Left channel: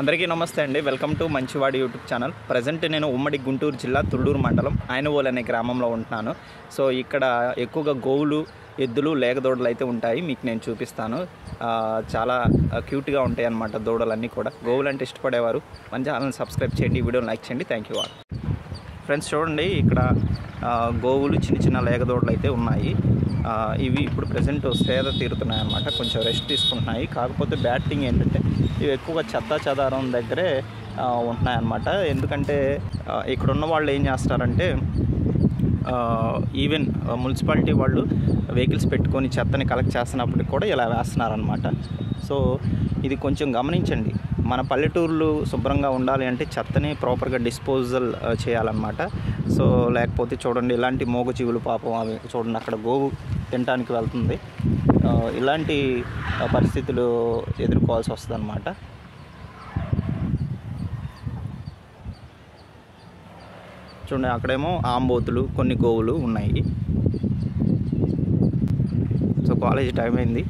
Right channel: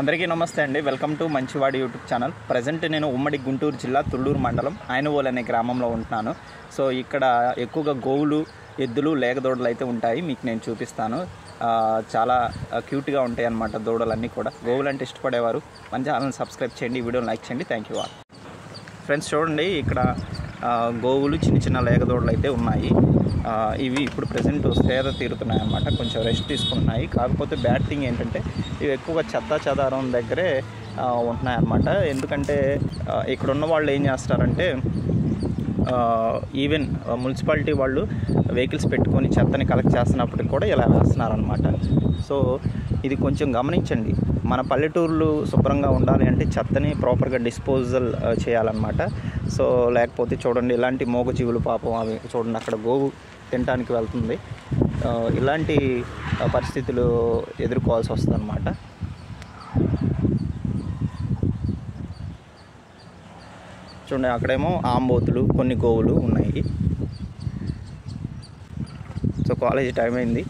అందరికీ నమస్తే అండి. వెల్కమ్ టు మంచివాడి యూట్యూబ్ ఛానల్. ప్రజెంట్ నేను ఉమ్మడి గుంటూరు జిల్లా తుళ్ళూరు మండలం ఆయనవోలు అనే గ్రామంలో ఉంటున్నాను. సో ఇక్కడ ఎక్కువగా గోవులు, ఎద్దులు, లేగదూడలు అయితే ఉంటాయి. మీకు నేను చూపిస్తాను. చాలా క్యూట్గా ఉంటాయి అన్నమాట దూడలన్నీ కూడా. గోవులు అంటే ఇష్టపడేవారు మన ఛానల్ని సబ్స్క్రైబ్ చేయండి, వీడియోని లైక్ చేయండి. Thank you all. ఫ్రెండ్స్ చూడండి, ఇక్కడ గోవులు, చిన్న చిన్న లేగదూడలు అయితే ఉన్నాయి. ఇవి ఇప్పుడు ప్రజెంట్ సేద తీరుతున్నాయి అన్నమాట. కొంచెం రెస్ట్ తీసుకుంటున్నాయి. కాకపోతే బ్యాడ్ థింగ్ ఏంటంటే ఇవి ఎక్కువగా చెత్తా చెదారం దగ్గరే ఉంటున్నాయి అన్నమాట. ఎందుకంటే ఇక్కడ ఉన్న వాళ్ళు ఏం చేస్తారంటే ఈవెన్ మున్సిపాలిటీ వాళ్ళు వెహికల్స్ పెట్టుకొని చెత్తని కలెక్ట్ చేస్తున్నప్పటికి కూడా ఇలా వేస్తున్నారనమాట. సో ఇది కొంచెం గమనించండి. మన పల్లెటూర్లు శుభ్రంగా ఉండాలి అంటే చెత్తని ప్రాపర్గా డిస్పోజల్ చేయాలన్నమాట. సో లేకపోతే చూడండి, ఇలాంటి మూగజీవులు పాపం అవి చూడండి, అక్కడ గోవు తినడానికి వెళ్తుంది. ఇలాంటి పరిస్థితులు ఎదుర్కోవాల్సి వస్తుంది అన్నమాట. చూడండి, అక్కడేమో ఆంబోతులు, కొన్ని గోవులు ఉన్నాయి. సో కాలేజీ టైం అయింది.